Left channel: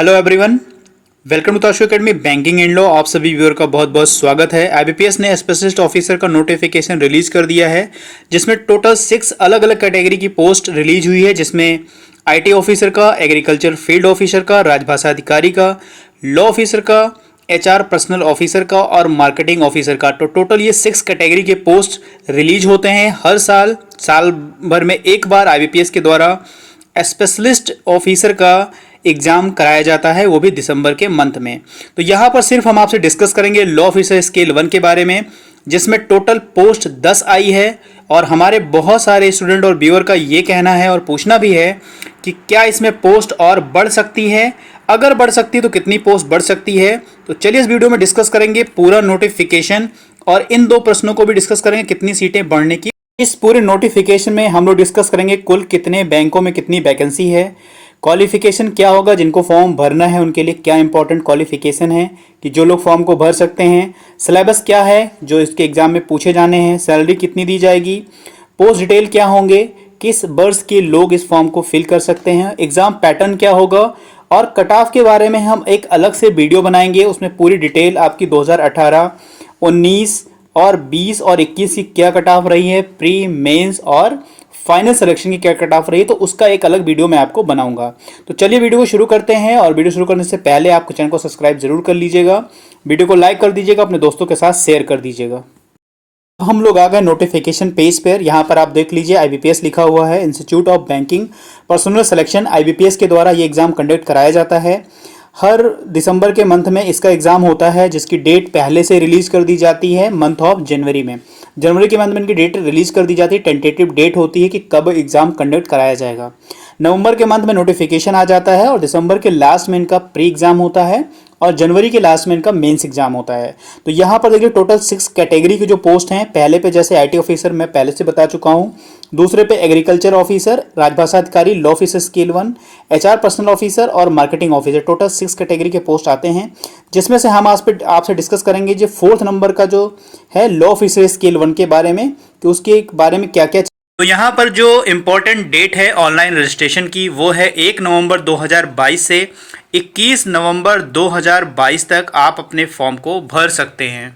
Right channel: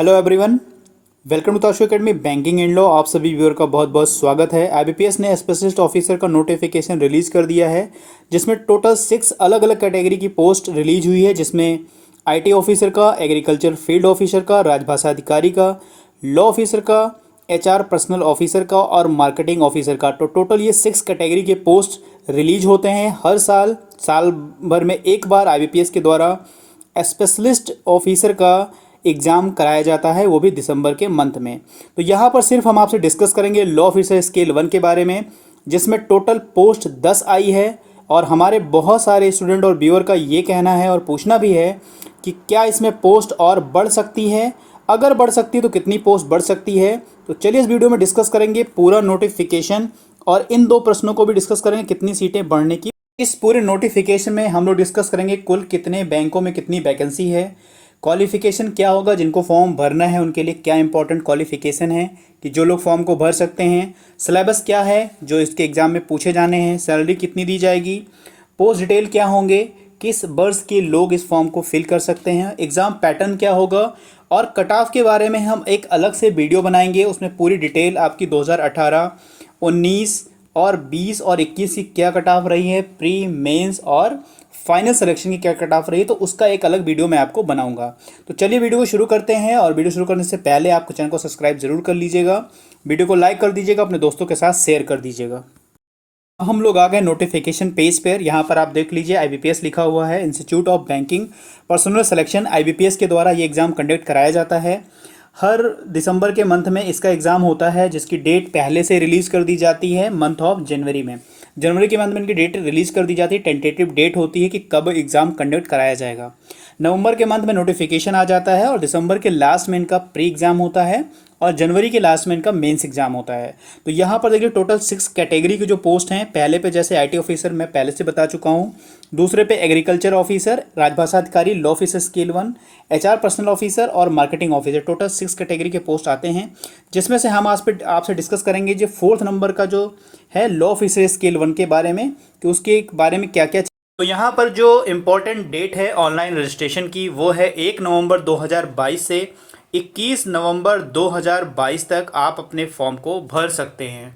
Hello everyone, welcome to Tashu academy banking and law. आप सभी viewer का बहुत बहुत स्वागत है। आईबीपीएस ने स्पेशलिस्ट ऑफिसर का नोटिफिकेशन रिलीज कर दिया है, जिसमें टोटल 6 अलग अलग कैटेगरी की पोस्ट रिलीज हुई है, जिसमें आईटी ऑफिसर का, एग्रीकल्चर फील्ड ऑफिसर का, राजभाषा अधिकारी का, लॉ ऑफिसर का, एचआर पर्सनल ऑफिसर का और मार्केटिंग ऑफिसर का। तो टोटल ये 6 कैटेगरी के पोस्ट रिलीज होते हैं हर साल भर में एक बार आईबीपीएस के द्वारा स्पेशलिस्ट ऑफिसर का एग्जाम कराया जाता है, वो भी दिसंबर के मंथ में। तो यहाँ पर सिर्फ हम आपसे डिस्कस करेंगे लॉ ऑफिसर स्केल 1 के बारे में, जिसमें टोटल पोस्ट 10 आई है। और हमारे बहुत सारे स्टूडेंट और व्यूअर का ये कहना है और पूछना भी है कि क्या इसमें पोस्ट और बढ़ सकती है, अगर बढ़ सकती है तो कितनी पोस्ट बढ़ सकती है। तो चलिए इस वीडियो में डिस्कस करेंगे पूरा नोटिफिकेशन और इन 2 प्रश्नों को भी डिस्कस करेंगे कितनी सीटें बढ़ने की। इस पूरे नोटिफिकेशन में हम लोग डिस्कस करेंगे कुल कितने बैंकों में कितनी वैकेंसी है, क्वालिफिकेशन क्या होगा, जिनको फॉर्म भरना है उनके लिए क्या इंपॉर्टेंट क्वालिफिकेशन है कि जो लोग फॉर्म को भर सकते हैं, सिलेबस क्या है जो इसके एग्जाम में पूछे जाने हैं, सैलरी कितनी दी जाएगी, पोस्ट डिटेल क्या होंगे, किस वर्ष के लोग इस फॉर्म को फिल कर सकते हैं, एग्जाम पैटर्न क्या होगा और कट ऑफ के बारे में हम एक अलग से वीडियो बनाएंगे। उसमें पूरी डिटेल आपकी 2018, 19 और 20 और 21 की क्या कट ऑफ रही है, प्री मेंस और फाइनल सिलेक्शन की क्या कट ऑफ रही है, तो उसका एक अलग वीडियो मैं आपको बनाऊंगा। तो चलिए वीडियो को शुरू करते हैं। और वीडियो शुरू करने से पहले आपको चैनल को सब्सक्राइब जरूर कर लीजिएगा, वीडियो को लाइक कर दीजिएगा, अपने दोस्तों के साथ शेयर कर दीजिएगा। हम लोग आ गए नोटिफिकेशन पेज पर। यहाँ पर आप देख लीजिए आईबीपीएस लिखा हुआ है, institute of banking personal selection. IBPS के द्वारा ये एग्जाम कंडक्ट कराया जाता है। हर दिसंबर के मंथ में इसका एग्ज़ाम होता है, जिसकी डेट पहले से रिलीज कर दी जाती है मंथ ऑफ जनवरी में। जनवरी के मंथ में इनकी डेट रिलीज कर दी जाती है, टेंटेटिव डेट होती है कि कब एग्ज़ाम कंडक्ट कराया जाएगा। नवंबर के मंथ में नोटिफिकेशन आ जाता है और दिसंबर के लास्ट में इनका प्री एग्ज़ाम होता है और जनवरी के लास्ट में इनका मेंस एग्जाम होता है। तो यहाँ पर देखिए टोटल 6 कैटेगरी के जो पोस्ट हैं, पहले पे जैसे आईटी ऑफिसर मैं पहले से बता चुका हूँ, दूसरे पे एग्रीकल्चर ऑफिसर, राजभाषा अधिकारी, law officer scale 1, HR personal officer और मार्केटिंग ऑफिसर। टोटल 6 कैटेगरी के पोस्ट आते हैं, जिसमें से हम आज पे आपसे डिस्कस करेंगे जो 4th नंबर का जो है लॉ ऑफिसर स्केल 1 के बारे में, कि उसके बारे में क्या क्या। तो यहाँ पर जो इम्पोर्टेंट डेट है ऑनलाइन रजिस्ट्रेशन की, वो है 1 नवंबर 2022 से 21 नवंबर 2022 तक आप अपने फॉर्म को भर सकते हैं।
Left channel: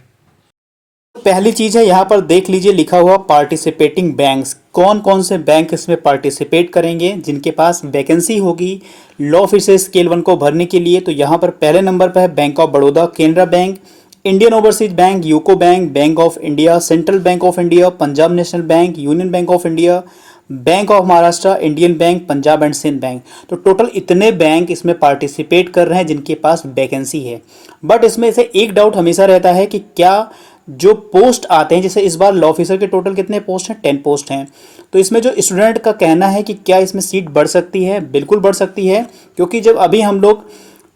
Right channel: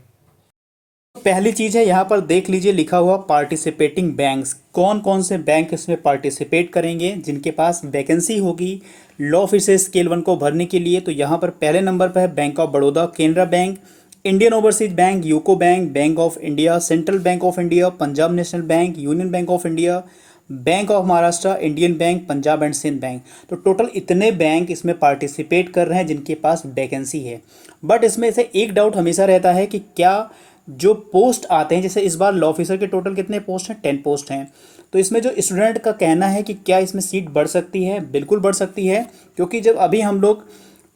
पहली चीज़ है यहाँ पर देख लीजिए लिखा हुआ पार्टिसिपेटिंग बैंक्स। कौन कौन से बैंक इसमें पार्टिसिपेट करेंगे जिनके पास वैकेंसी होगी लॉ ऑफिसर स्केल 1 को भरने के लिए। तो यहाँ पर पहले नंबर पर है bank of Baroda, Canara bank, Indian overseas bank, UCO bank, bank of India, central bank of India, Punjab national bank, union bank of India, bank of Maharashtra, Indian bank, Punjab and Sindh bank. तो टोटल इतने बैंक इसमें पार्टिसिपेट कर रहे हैं जिनके पास vacancy है। But इसमें से एक डाउट हमेशा रहता है कि क्या जो पोस्ट आते हैं, जैसे इस बार लॉ ऑफिसर के टोटल कितने पोस्ट हैं, 10 पोस्ट हैं। तो इसमें जो स्टूडेंट का कहना है कि क्या इसमें सीट बढ़ सकती है, बिल्कुल बढ़ सकती है, क्योंकि जब अभी हम लोग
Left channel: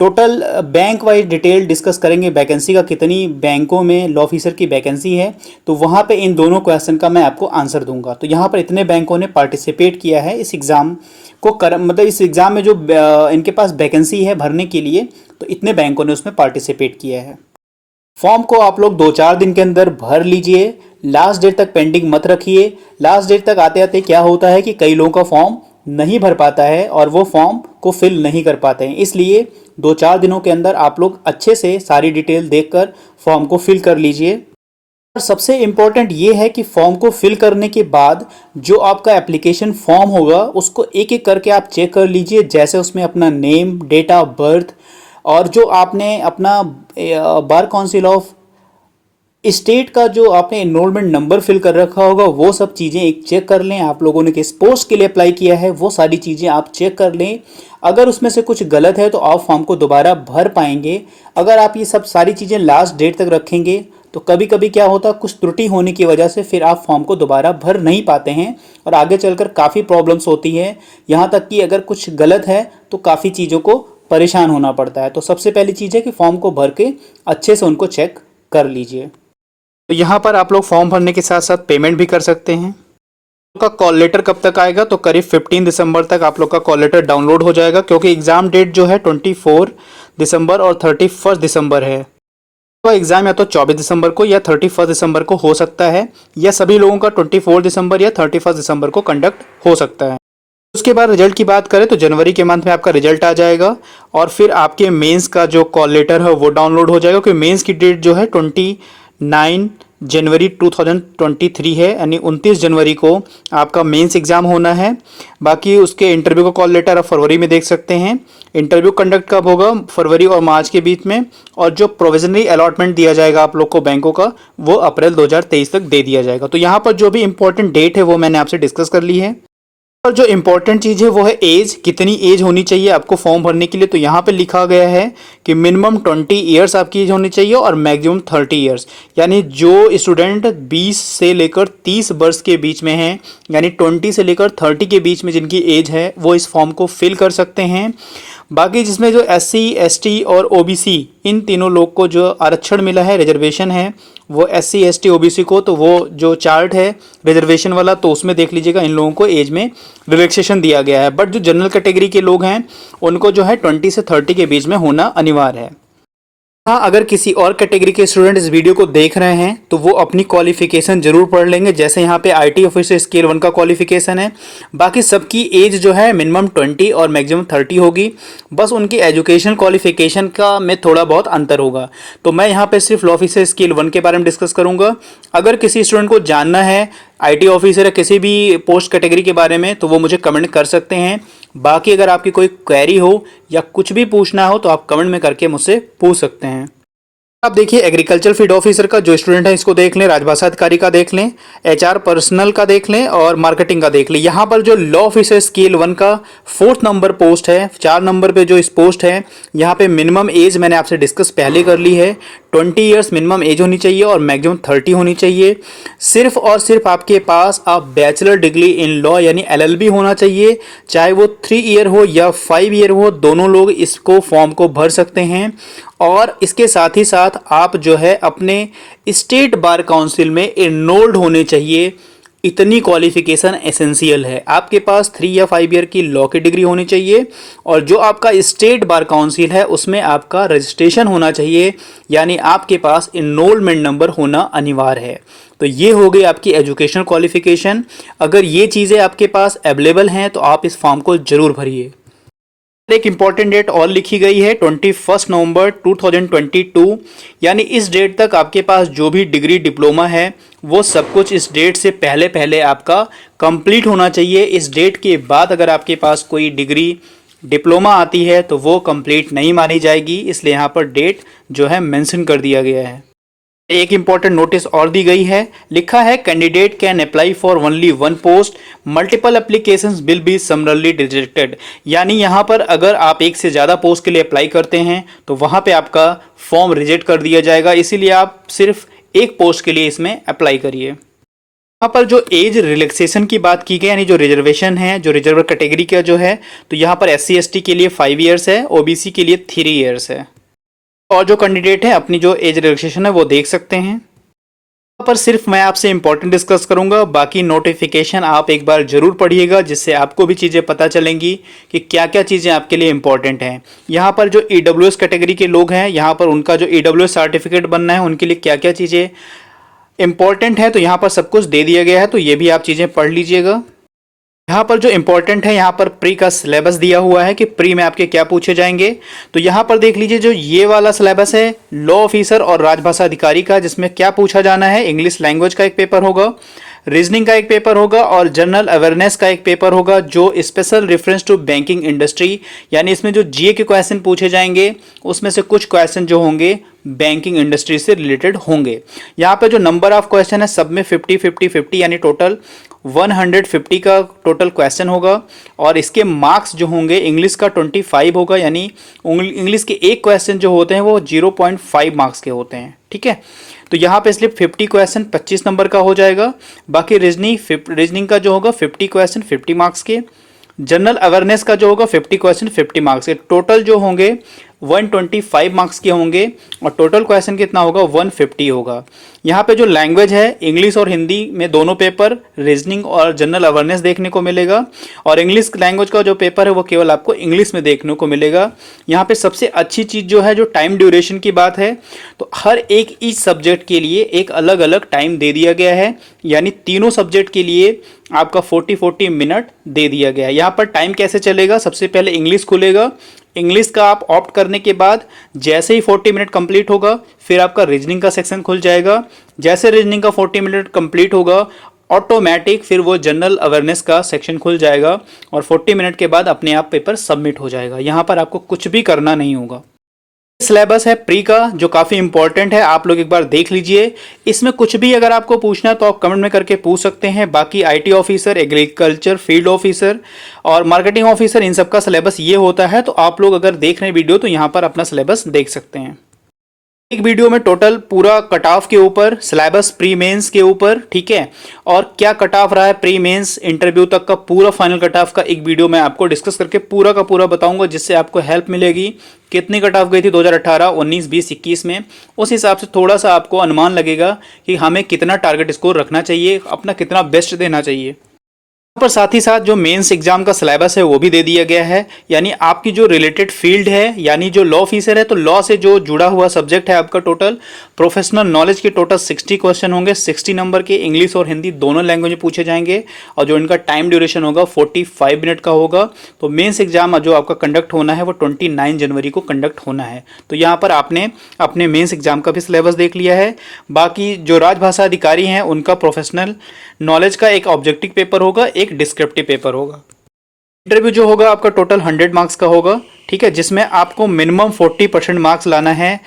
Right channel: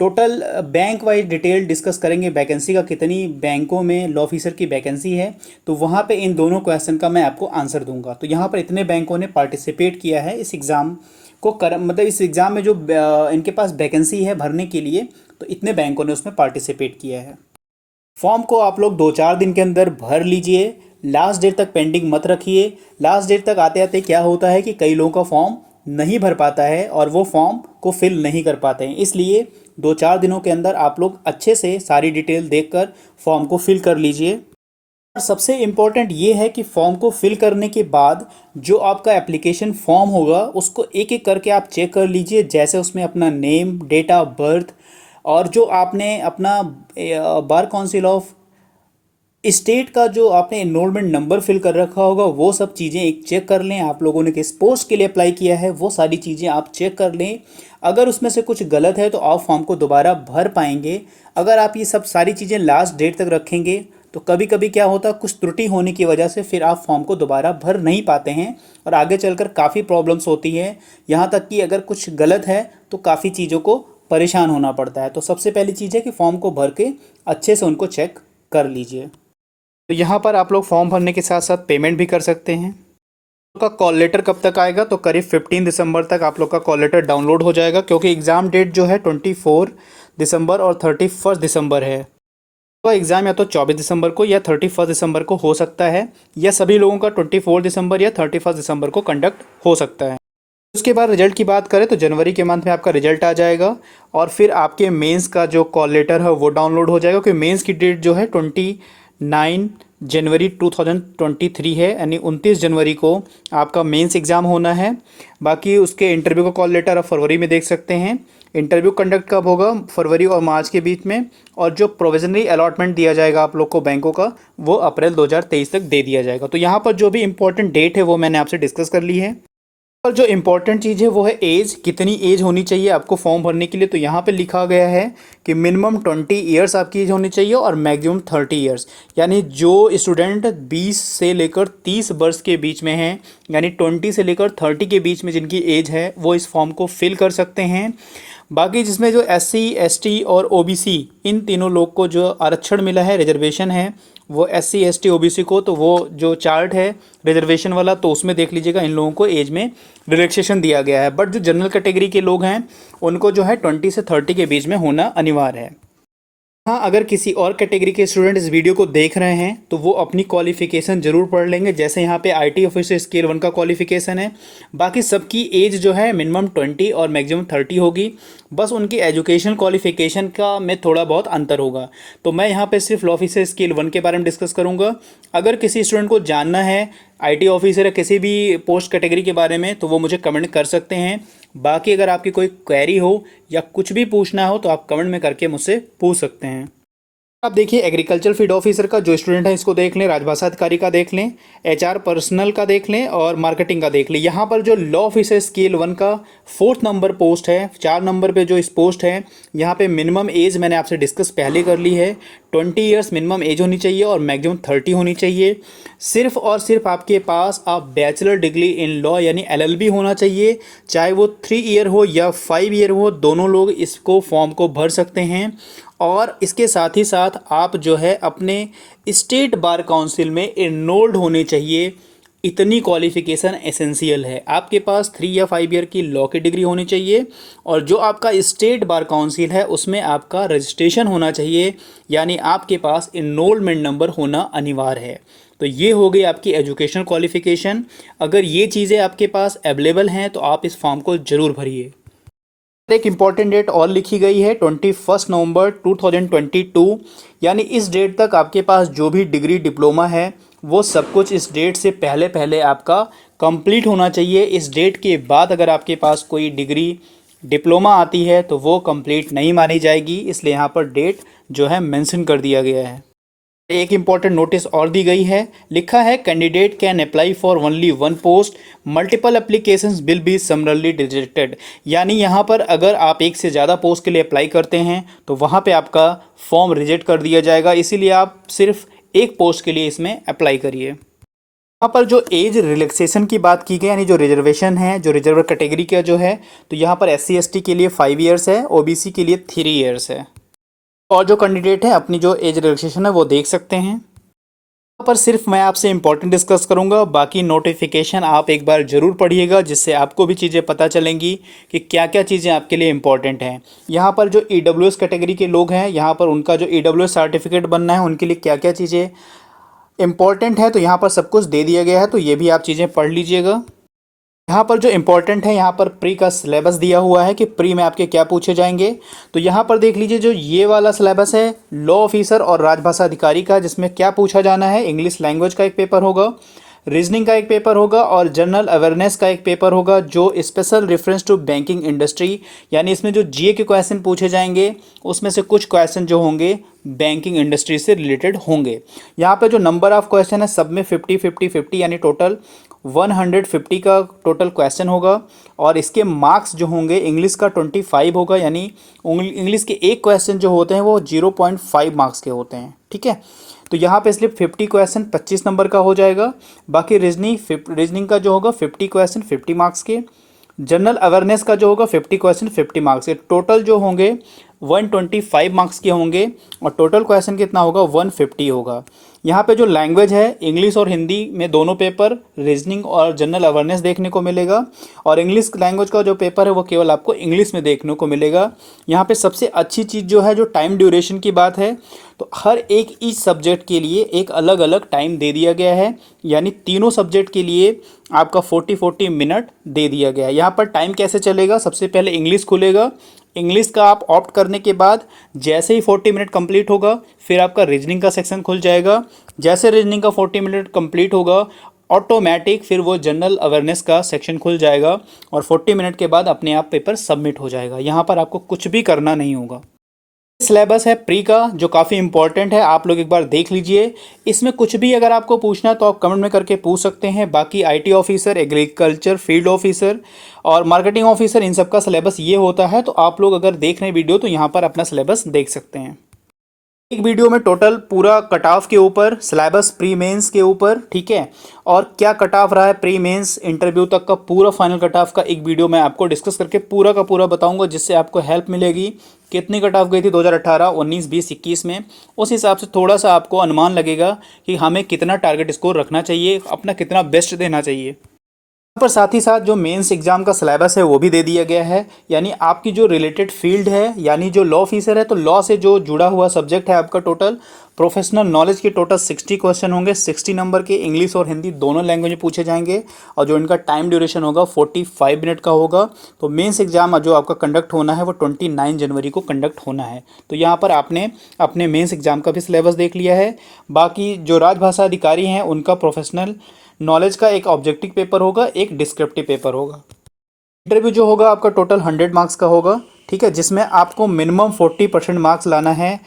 total bank wise detail discuss करेंगे वैकेंसी का, कितनी बैंकों में लॉ ऑफिसर की वैकेंसी है, तो वहाँ पे इन दोनों क्वेश्चन का मैं आपको आंसर दूंगा। तो यहाँ पर इतने बैंकों ने पार्टिसिपेट किया है इस एग्ज़ाम को मतलब इस एग्ज़ाम में जो इनके पास वैकेंसी है भरने के लिए, तो इतने बैंकों ने उसमें पार्टिसिपेट किया है। फॉर्म को आप लोग 2-4 दिन के अंदर भर लीजिए, लास्ट डेट तक पेंडिंग मत रखिए। लास्ट डेट तक आते आते क्या होता है कि कई लोगों का फॉर्म नहीं भर पाता है और वो फॉर्म को फिल नहीं कर पाते हैं, इसलिए 2-4 दिनों के अंदर आप लोग अच्छे से सारी डिटेल देखकर फॉर्म को फिल कर लीजिए। और सबसे इम्पोर्टेंट ये है कि फॉर्म को फिल करने के बाद जो आपका एप्लीकेशन फॉर्म होगा उसको एक एक करके आप चेक कर लीजिए, जैसे उसमें अपना नेम, डेट ऑफ बर्थ और जो आपने अपना बार काउंसिल ऑफ स्टेट का जो आपने एनरोलमेंट नंबर फिल कर रखा होगा, वो सब चीज़ें एक चेक कर लें। आप लोगों ने किस पोस्ट के लिए अप्लाई किया है वो सारी चीज़ें आप चेक कर लें। अगर उसमें से कुछ गलत है तो आप फॉर्म को दोबारा भर पाएंगे। अगर आप ये सब सारी चीज़ें लास्ट डेट तक रखेंगे तो कभी कभी क्या होता है, कुछ त्रुटि होने की वजह से फिर आप फॉर्म को दोबारा भर नहीं पाते हैं और आगे चलकर काफ़ी प्रॉब्लम्स होती है। यहाँ तक कि अगर कुछ गलत है तो काफ़ी चीज़ों को परेशान होना पड़ता है। तो सबसे पहली चीज़ है कि फॉर्म को भर के अच्छे से उनको चेक कर लीजिए। तो यहाँ पर आप लोग फॉर्म भरने के साथ साथ पेमेंट भी कर सकते हैं। आपका कॉल लेटर कब तक आएगा, तो करीब 15 दिसंबर तक आप लोग का कॉल लेटर डाउनलोड हो जाएगा, क्योंकि एग्ज़ाम डेट जो है 24 दिसंबर और 31 दिसंबर है। तो एग्ज़ाम या तो 24 दिसंबर को या 31 दिसंबर को हो सकता है, या सभी लोगों का 24 दिसंबर या 31 दिसंबर को कंडक्ट हो सकता है। उसके बाद रिजल्ट की बात करें तो जनवरी के मंथ में आपका रिजल्ट आ जाएगा और फिर आपके मेंस का जो कॉल लेटर है वो डाउनलोड हो जाएगा, क्योंकि मेंस की डेट जो है 29 जनवरी 2023 है, यानी 29 जनवरी को आपका मेंस एग्ज़ाम होना है। बाकी उसके इंटरव्यू का कॉल लेटर आप फरवरी में देख सकते हैं। इंटरव्यू कंडक्ट कब होगा? फरवरी और मार्च के बीच में। और जो प्रोविजनरी अलॉटमेंट दिया जाएगा आप लोग को बैंकों का, वो अप्रैल 2023 तक दे दिया जाएगा। तो यहाँ पर जो भी इंपॉर्टेंट डेट है वो मैंने आपसे डिस्कस कर ली है। और जो इम्पोर्टेंट चीज़ है वो है एज, कितनी एज होनी चाहिए आपको फॉर्म भरने के लिए। तो यहाँ पे लिखा गया है कि मिनिमम 20 ईयर्स आपकी एज होनी चाहिए और मैक्सिमम 30 ईयर्स, यानी जो स्टूडेंट 20 से लेकर 30 वर्ष के बीच में हैं, यानी 20 से लेकर 30 के बीच में जिनकी एज है, वो इस फॉर्म को फिल कर सकते हैं। बाकी जिसमें जो SC ST और OBC इन तीनों लोग को जो आरक्षण मिला है, रिजर्वेशन है, वो SC ST OBC को, तो वो जो चार्ट है रिजर्वेशन वाला, तो उसमें देख लीजिएगा इन लोगों को एज में रिलैक्सेशन दिया गया है। बट जो जनरल कैटेगरी के लोग हैं उनको जो है 20 से 30 के बीच में होना अनिवार्य है। हाँ, अगर किसी और कैटेगरी के स्टूडेंट इस वीडियो को देख रहे हैं तो वो अपनी क्वालिफिकेशन जरूर पढ़ लेंगे। जैसे यहाँ पे IT ऑफिसर स्केल 1 का क्वालिफिकेशन है। बाकी सबकी एज जो है मिनिमम 20 और मैक्सिमम 30 होगी। बस उनकी एजुकेशन क्वालिफिकेशन का में थोड़ा बहुत अंतर होगा। तो मैं यहाँ पे सिर्फ लॉ ऑफिसर स्केल 1 के बारे में डिस्कस करूँगा। अगर किसी स्टूडेंट को जानना है IT ऑफिसर या किसी भी पोस्ट कैटेगरी के बारे में तो वो मुझे कमेंट कर सकते हैं। बाकी अगर आपकी कोई क्वेरी हो या कुछ भी पूछना हो तो आप कमेंट में करके मुझसे पूछ सकते हैं। आप देखिए एग्रीकल्चर फील्ड ऑफिसर का जो स्टूडेंट है इसको देख लें, राजभाषा अधिकारी का देख लें, HR पर्सनल का देख लें और मार्केटिंग का देख लें। यहाँ पर जो लॉ ऑफिसर स्केल 1 का 4th नंबर पोस्ट है, 4 नंबर पे जो इस पोस्ट है, यहाँ पे मिनिमम एज मैंने आपसे डिस्कस पहले कर ली है। 20 ईयर्स मिनिमम एज होनी चाहिए और मैक्सिमम 30 होनी चाहिए। सिर्फ और सिर्फ आपके पास आप बैचलर डिग्री इन लॉ यानी LLB होना चाहिए, चाहे वो 3 ईयर हो या 5 ईयर हो, दोनों लोग इसको फॉर्म को भर सकते हैं। और इसके साथ ही साथ आप जो है अपने स्टेट बार काउंसिल में एनरोल्ड होने चाहिए। इतनी क्वालिफिकेशन एसेंशियल है। आपके पास 3 या 5 ईयर की लॉ की डिग्री होनी चाहिए और जो आपका स्टेट बार काउंसिल है उसमें आपका रजिस्ट्रेशन होना चाहिए, यानी आपके पास एनरोलमेंट नंबर होना अनिवार्य है। तो ये हो गई आपकी एजुकेशन क्वालिफिकेशन। अगर ये चीज़ें आपके पास अवेलेबल हैं तो आप इस फॉर्म को ज़रूर भरिए। एक इंपॉर्टेंट डेट और लिखी गई है 21 नवंबर 2022, यानी इस डेट तक आपके पास जो भी डिग्री डिप्लोमा है वो सब कुछ इस डेट से पहले पहले आपका कंप्लीट होना चाहिए। इस डेट के बाद अगर आपके पास कोई डिग्री डिप्लोमा आती है तो वो कंप्लीट नहीं मानी जाएगी, इसलिए यहाँ पर डेट जो है मेंशन कर दिया गया है। एक इंपॉर्टेंट नोटिस और दी गई है, लिखा है candidate can apply for only 1 post, multiple applications will be समरली rejected. यानी यहाँ पर अगर आप एक से ज़्यादा पोस्ट के लिए अप्लाई करते हैं तो वहाँ पे आपका फॉर्म रिजेक्ट कर दिया जाएगा, इसीलिए आप सिर्फ एक पोस्ट के लिए इसमें अप्लाई करिए। यहाँ पर जो एज रिलैक्सेशन की बात की गई, यानी जो रिजर्वेशन है, जो रिजर्व कैटेगरी का जो है, तो यहाँ पर SC ST के लिए 5 ईयर्स है, OBC के लिए 3 ईयर्स है। और जो कैंडिडेट है अपनी जो एज रिलैक्सेशन है वो देख सकते हैं। यहाँ पर सिर्फ मैं आपसे इंपॉर्टेंट डिस्कस करूंगा, बाकी नोटिफिकेशन आप एक बार जरूर पढ़िएगा जिससे आपको भी चीज़ें पता चलेंगी कि क्या क्या चीज़ें आपके लिए इंपॉर्टेंट हैं। यहाँ पर जो EWS कैटेगरी के लोग हैं, यहाँ पर उनका जो EWS सर्टिफिकेट बनना है उनके लिए क्या क्या चीज़ें इंपॉर्टेंट है, तो यहाँ पर सब कुछ दे दिया गया है, तो ये भी आप चीज़ें पढ़ लीजिएगा। यहाँ पर जो इंपॉर्टेंट है, यहाँ पर प्री का सिलेबस दिया हुआ है कि प्री में आपके क्या पूछे जाएंगे। तो यहाँ पर देख लीजिए जो ये वाला सिलेबस है लॉ ऑफिसर और राजभाषा अधिकारी का, जिसमें क्या पूछा जाना है, इंग्लिश लैंग्वेज का एक पेपर होगा, रीजनिंग का एक पेपर होगा और जनरल अवेयरनेस का एक पेपर होगा जो special reference to banking industry, यानी इसमें जो GA के क्वेश्चन पूछे जाएंगे उसमें से कुछ क्वेश्चन जो होंगे बैंकिंग इंडस्ट्री से रिलेटेड होंगे। यहाँ पे जो नंबर ऑफ क्वेश्चन है सब में 50-50-50 यानी टोटल 150 का टोटल क्वेश्चन होगा और इसके मार्क्स जो होंगे इंग्लिश का 25 होगा, यानी इंग्लिश के एक क्वेश्चन जो होते हैं वो 0.5 मार्क्स के होते हैं। ठीक है, तो यहाँ पे इसलिए 50 क्वेश्चन 25 नंबर का हो जाएगा। बाकी रीजनिंग का जो होगा 50 क्वेश्चन 50 मार्क्स के, जनरल अवेयरनेस का जो होगा 50 क्वेश्चन 50 मार्क्स के, टोटल जो होंगे 125 मार्क्स के होंगे और टोटल क्वेश्चन कितना होगा 150 होगा। यहाँ पे जो लैंग्वेज है इंग्लिश और हिंदी में दोनों पेपर, रीजनिंग और जनरल अवेयरनेस देखने को मिलेगा और इंग्लिश लैंग्वेज का जो पेपर है वो केवल आपको इंग्लिश में देखने को मिलेगा। यहाँ पे सबसे अच्छी चीज़ जो है जो टाइम ड्यूरेशन की बात है, तो हर एक इस सब्जेक्ट के लिए एक अलग अलग टाइम दे दिया गया है, यानी तीनों सब्जेक्ट के लिए आपका 40-40 मिनट दे दिया गया है। यहाँ पर टाइम कैसे चलेगा, सबसे पहले इंग्लिश खुलेगा, इंग्लिश का आप ऑप्ट करने के बाद जैसे ही 40 मिनट कंप्लीट होगा फिर आपका रीजनिंग का सेक्शन खुल जाएगा। जैसे रीजनिंग का 40 मिनट कंप्लीट होगा ऑटोमेटिक फिर वो जनरल अवेयरनेस का सेक्शन खुल जाएगा और 40 मिनट के बाद अपने आप पेपर सबमिट हो जाएगा। यहाँ पर आपको कुछ भी करना नहीं होगा। सिलेबस है प्री का जो काफ़ी इंपॉर्टेंट है, आप लोग एक बार देख लीजिए। इसमें कुछ भी अगर आपको पूछना है तो आप कमेंट में करके पूछ सकते हैं। बाकी IT officer, agriculture field officer और मार्केटिंग ऑफिसर, इन सब का सिलेबस ये होता है। तो आप लोग अगर देख रहे हैं वीडियो तो यहाँ पर अपना सिलेबस देख सकते हैं। एक वीडियो में टोटल पूरा कट ऑफ के ऊपर, सिलेबस प्री मेंस के ऊपर, ठीक है, और क्या कट ऑफ रहा है प्री मेंस इंटरव्यू तक का पूरा फाइनल कट ऑफ का एक वीडियो मैं आपको डिस्कस करके पूरा का पूरा बताऊंगा, जिससे आपको हेल्प मिलेगी। कितनी कट ऑफ गई थी 2018, 19, 20, 21 में, उस हिसाब से थोड़ा सा आपको अनुमान लगेगा कि हमें कितना टारगेट स्कोर रखना चाहिए, अपना कितना बेस्ट देना चाहिए। पर साथ ही साथ जो मेंस एग्जाम का सिलेबस है वो भी दे दिया गया है, यानी आपकी जो रिलेटेड फील्ड है, यानी जो लॉ ऑफिसर है तो लॉ से जो जुड़ा हुआ सब्जेक्ट है आपका, टोटल प्रोफेशनल नॉलेज के टोटल 60 क्वेश्चन होंगे, 60 नंबर के, इंग्लिश और हिंदी दोनों लैंग्वेज में पूछे जाएंगे और जो इनका टाइम ड्यूरेशन होगा 45 मिनट का होगा। तो मेंस एग्जाम जो आपका कंडक्ट होना है वो 29 जनवरी को कंडक्ट होना है। तो यहाँ पर आपने अपने मेंस एग्जाम का भी सिलेबस देख लिया है। बाकी जो राजभाषा अधिकारी हैं उनका प्रोफेशनल नॉलेज का एक ऑब्जेक्टिव पेपर होगा, एक डिस्क्रिप्टिव पेपर होगा। इंटरव्यू जो होगा आपका टोटल 100 मार्क्स का होगा, ठीक है, जिसमें आपको मिनिमम 40% मार्क्स लाना है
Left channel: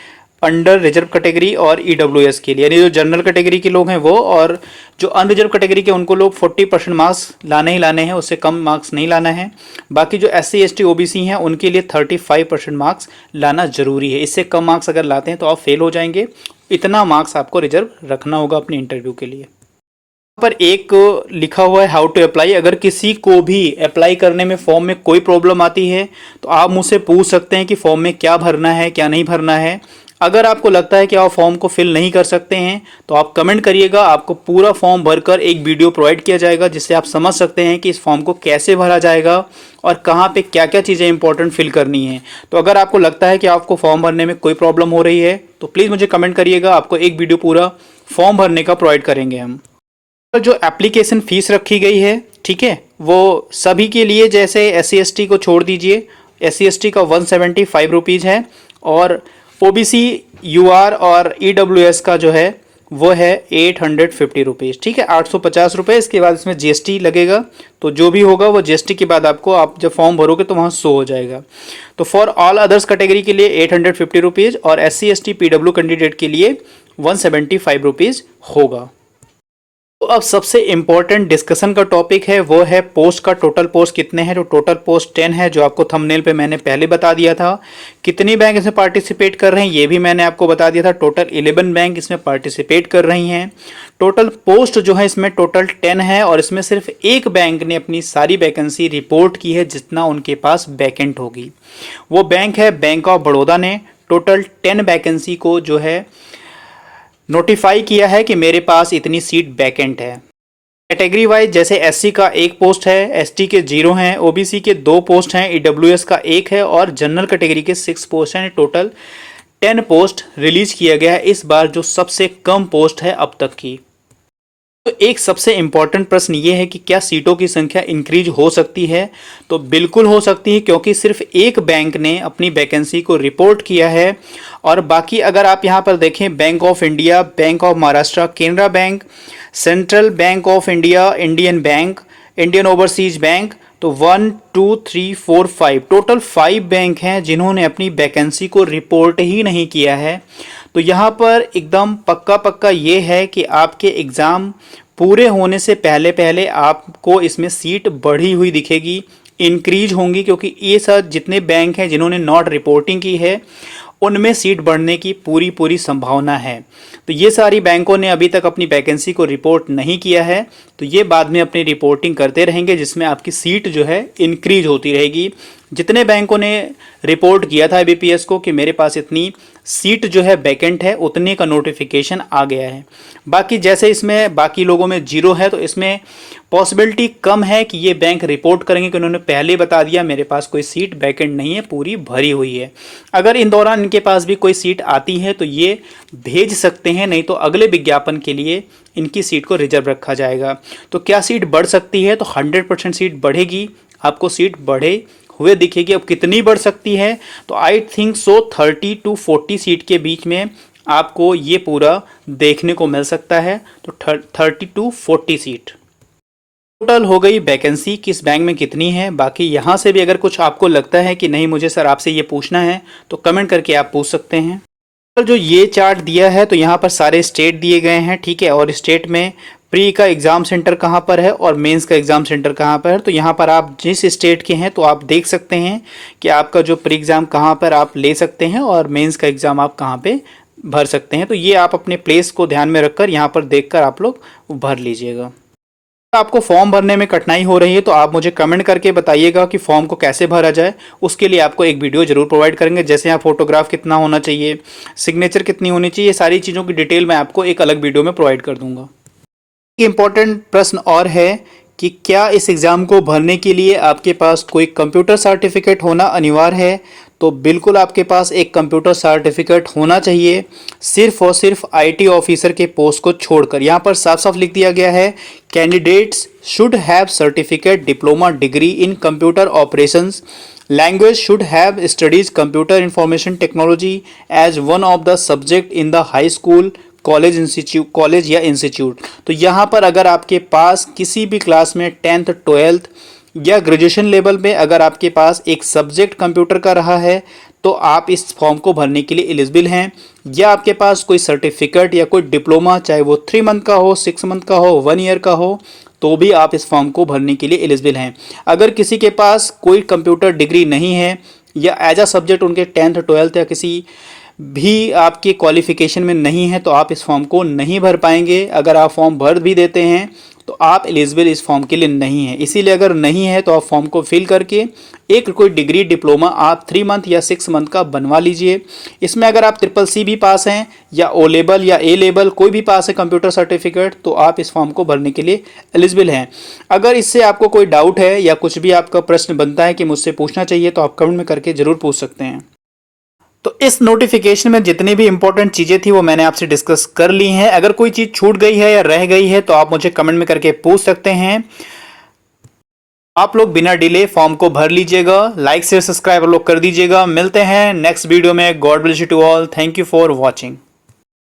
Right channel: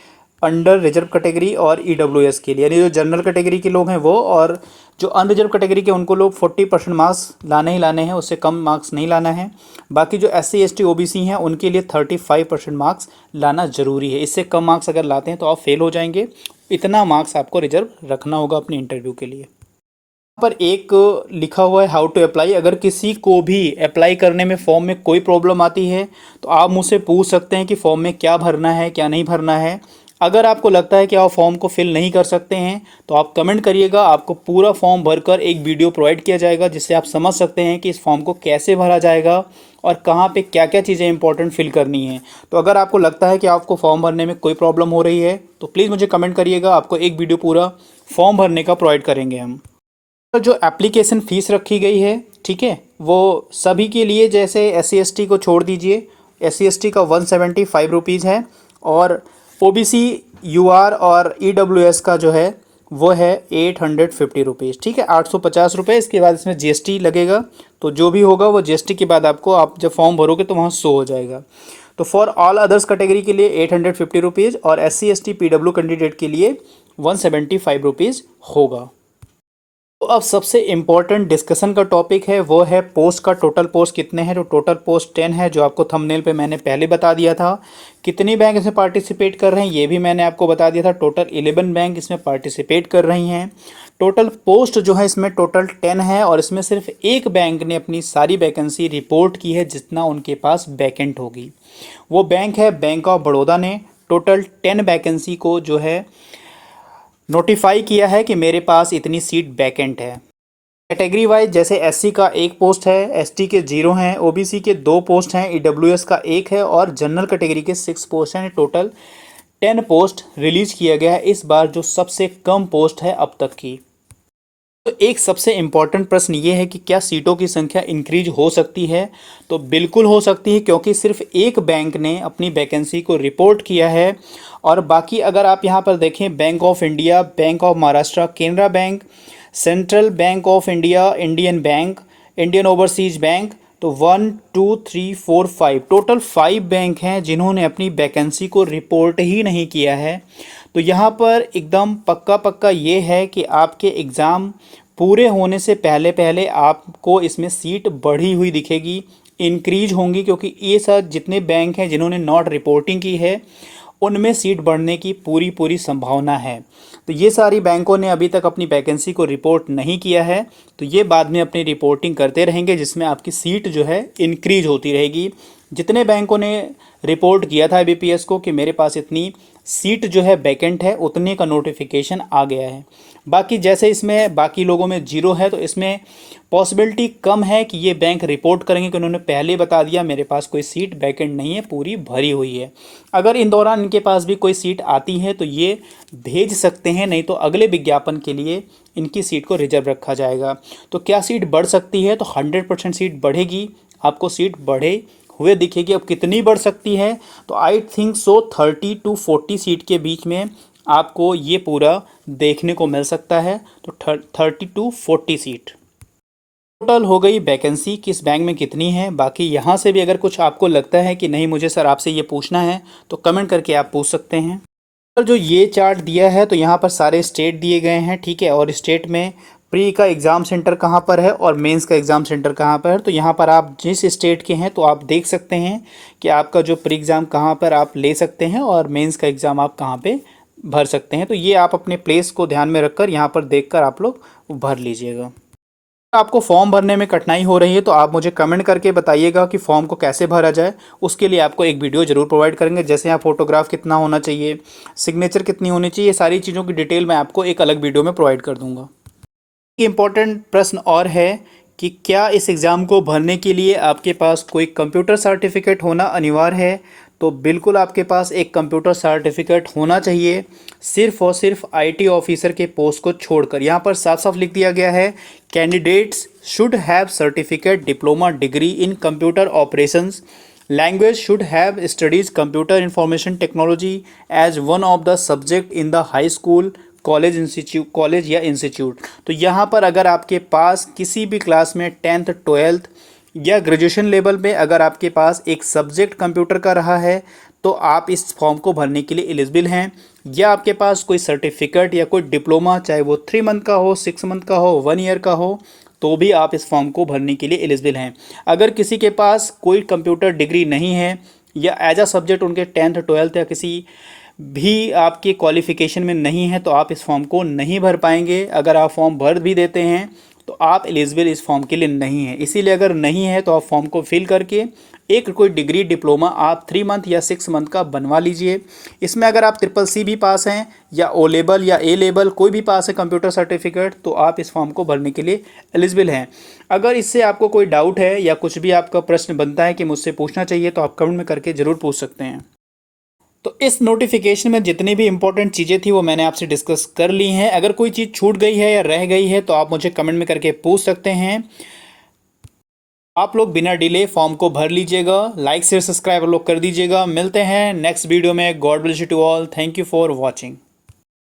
अंडर रिजर्व कैटेगरी और ईडब्ल्यूएस के लिए, यानी जो जनरल कैटेगरी के लोग हैं वो, और जो अनरिजर्व कैटेगरी के उनको लोग 40% मार्क्स लाने ही लाने हैं, उससे कम मार्क्स नहीं लाना है। बाकी जो SC ST OBC हैं उनके लिए 35% मार्क्स लाना जरूरी है, इससे कम मार्क्स अगर लाते हैं तो आप फेल हो जाएंगे। इतना मार्क्स आपको रिजर्व रखना होगा अपने इंटरव्यू के लिए। पर एक लिखा हुआ है हाउ टू अप्लाई, अगर किसी को भी अप्लाई करने में फॉर्म में कोई प्रॉब्लम आती है तो आप मुझसे पूछ सकते हैं कि फॉर्म में क्या भरना है क्या नहीं भरना है। अगर आपको लगता है कि आप फॉर्म को फिल नहीं कर सकते हैं तो आप कमेंट करिएगा, आपको पूरा फॉर्म भरकर एक वीडियो प्रोवाइड किया जाएगा जिससे आप समझ सकते हैं कि इस फॉर्म को कैसे भरा जाएगा और कहाँ पे क्या क्या चीज़ें इंपॉर्टेंट फिल करनी है। तो अगर आपको लगता है कि आपको फॉर्म भरने में कोई प्रॉब्लम हो रही है तो प्लीज़ मुझे कमेंट करिएगा, आपको एक वीडियो पूरा फॉर्म भरने का प्रोवाइड करेंगे हम। जो एप्लीकेशन फ़ीस रखी गई है, ठीक है, वो सभी के लिए, जैसे SC ST को छोड़ दीजिए, SC ST का 175 रुपीज़ है और OBC UR और EWS का जो है वो है 850 रुपीज़, ठीक है, 850 रुपये। इसके बाद इसमें GST लगेगा, तो जो भी होगा वो GST के बाद आपको, आप जब फॉर्म भरोगे तो वहाँ शो हो जाएगा। तो फॉर ऑल अदर्स कैटेगरी के लिए 850 रुपीज़ और SC ST PW कैंडिडेट के लिए 175 रुपीज़ होगा। तो अब सबसे इम्पोर्टेंट डिस्कशन का टॉपिक है वो है पोस्ट का। टोटल पोस्ट कितने हैं? तो टोटल पोस्ट 10 है, जो आपको थंबनेल पे मैंने पहले बता दिया था। कितनी बैंक इसमें पार्टिसिपेट कर रहे हैं ये भी मैंने आपको बता दिया था। टोटल 11 बैंक इसमें पार्टिसिपेट कर रही हैं। टोटल पोस्ट जो है इसमें टोटल 10 है और इसमें सिर्फ एक बैंक ने अपनी सारी वैकेंसी रिपोर्ट की है जितना उनके पास वैकेंट होगी। वो बैंक है बैंक ऑफ बड़ौदा ने टोटल 10 वैकेंसी को जो है नोटिफाई किया है कि मेरे पास इतनी सीट वैकेंट है। कैटेगरी वाइज जैसे SC का 1 पोस्ट है, ST के 0 हैं, OBC के 2 पोस्ट हैं, EWS का 1 है और जनरल कैटेगरी के 6 पोस्ट हैं। टोटल 10 पोस्ट रिलीज किया गया है इस बार, जो सबसे कम पोस्ट है अब तक की। तो एक सबसे इम्पॉर्टेंट प्रश्न ये है कि क्या सीटों की संख्या इंक्रीज हो सकती है? तो बिल्कुल हो सकती है, क्योंकि सिर्फ एक बैंक ने अपनी वैकेंसी को रिपोर्ट किया है और बाकी अगर आप यहाँ पर देखें, bank of India, bank of Maharashtra, Canara bank, central bank of India, Indian bank, Indian overseas bank, तो 1 2 3 4 5 टोटल 5 बैंक हैं जिन्होंने अपनी वैकेंसी को रिपोर्ट ही नहीं किया है। तो यहाँ पर एकदम पक्का ये है कि आपके एग्ज़ाम पूरे होने से पहले पहले आपको इसमें सीट बढ़ी हुई दिखेगी, इंक्रीज होंगी, क्योंकि ये सब जितने बैंक हैं जिन्होंने नॉट रिपोर्टिंग की है उनमें सीट बढ़ने की पूरी संभावना है। तो ये सारी बैंकों ने अभी तक अपनी वैकेंसी को रिपोर्ट नहीं किया है, तो ये बाद में अपनी रिपोर्टिंग करते रहेंगे जिसमें आपकी सीट जो है इंक्रीज होती रहेगी। जितने बैंकों ने रिपोर्ट किया था IBPS को कि मेरे पास इतनी सीट जो है वैकेंट है, उतने का नोटिफिकेशन आ गया है। बाकी जैसे इसमें बाकी लोगों में जीरो है, तो इसमें पॉसिबिलिटी कम है कि ये बैंक रिपोर्ट करेंगे कि उन्होंने पहले बता दिया मेरे पास कोई सीट वैकेंट नहीं है, पूरी भरी हुई है। अगर इन दौरान इनके पास भी कोई सीट आती है तो ये भेज सकते हैं, नहीं तो अगले विज्ञापन के लिए इनकी सीट को रिजर्व रखा जाएगा। तो क्या सीट बढ़ सकती है? तो 100% सीट बढ़ेगी, आपको सीट बढ़े हुए दिखेगी। अब कितनी बढ़ सकती है? तो I think so 30 to 40 seat के बीच में आपको ये पूरा देखने को मिल सकता है। तो 30 to 40 सीट टोटल हो गई वैकेंसी किस बैंक में कितनी है। बाकी यहाँ से भी अगर कुछ आपको लगता है कि नहीं मुझे सर आपसे ये पूछना है, तो कमेंट करके आप पूछ सकते हैं। और जो ये चार्ट दिया है तो यहाँ पर सारे स्टेट दिए गए हैं, ठीक है। और स्टेट में प्री का एग्ज़ाम सेंटर कहाँ पर है और मेंस का एग्ज़ाम सेंटर कहाँ पर है। तो यहाँ पर आप जिस स्टेट के हैं तो आप देख सकते हैं कि आपका जो प्री एग्ज़ाम कहाँ पर आप ले सकते हैं और मेंस का एग्ज़ाम आप कहाँ पे भर सकते हैं। तो ये आप अपने प्लेस को ध्यान में रखकर यहाँ पर देखकर आप लोग भर लीजिएगा। आपको फॉर्म भरने में कठिनाई हो रही है तो आप मुझे कमेंट करके बताइएगा कि फॉर्म को कैसे भरा जाए। उसके लिए आपको एक वीडियो जरूर प्रोवाइड करेंगे, जैसे यहाँ फोटोग्राफ कितना होना चाहिए, सिग्नेचर कितनी होनी चाहिए, सारी चीज़ों की डिटेल मैं आपको एक अलग वीडियो में प्रोवाइड कर दूंगा। एक इम्पॉर्टेंट प्रश्न और है कि क्या इस एग्ज़ाम को भरने के लिए आपके पास कोई कंप्यूटर सर्टिफिकेट होना अनिवार्य है? तो बिल्कुल आपके पास एक कंप्यूटर सर्टिफिकेट होना चाहिए, सिर्फ और सिर्फ IT ऑफिसर के पोस्ट को छोड़कर। यहाँ पर साफ साफ लिख दिया गया है, candidates should have certificate diploma degree in computer operations, language should have studies computer information technology as one of the subject in the high school, college या इंस्टीट्यूट। तो यहाँ पर अगर आपके पास किसी भी क्लास में 10th 12th या ग्रेजुएशन लेवल में अगर आपके पास एक सब्जेक्ट कंप्यूटर का रहा है तो आप इस फॉर्म को भरने के लिए एलिजिबल हैं। या आपके पास कोई सर्टिफिकेट या कोई डिप्लोमा, चाहे वो 3 मंथ का हो, 6 मंथ का हो, 1 ईयर का हो, तो भी आप इस फॉर्म को भरने के लिए एलिजिबल हैं। अगर किसी के पास कोई कंप्यूटर डिग्री नहीं है या एज अ सब्जेक्ट उनके 10th 12th या किसी भी आपके क्वालिफिकेशन में नहीं है तो आप इस फॉर्म को नहीं भर पाएंगे। अगर आप फॉर्म भर भी देते हैं तो आप एलिजिबल इस फॉर्म के लिए नहीं है। इसीलिए अगर नहीं है तो आप फॉर्म को फिल करके एक कोई डिग्री डिप्लोमा आप 3 मंथ या 6 मंथ का बनवा लीजिए। इसमें अगर आप CCC भी पास हैं या O लेवल या A लेवल कोई भी पास है कंप्यूटर सर्टिफिकेट, तो आप इस फॉर्म को भरने के लिए एलिजिबल हैं। अगर इससे आपको कोई डाउट है या कुछ भी आपका प्रश्न बनता है कि मुझसे पूछना चाहिए, तो आप कमेंट में करके ज़रूर पूछ सकते हैं। तो इस नोटिफिकेशन में जितनी भी इंपॉर्टेंट चीज़ें थी वो मैंने आपसे डिस्कस कर ली हैं। अगर कोई चीज़ छूट गई है या रह गई है तो आप मुझे कमेंट में करके पूछ सकते हैं। आप लोग बिना डिले फॉर्म को भर लीजिएगा, लाइक शेयर सब्सक्राइब लोग कर दीजिएगा। मिलते हैं नेक्स्ट वीडियो में। God bless you to all. Thank you for watching.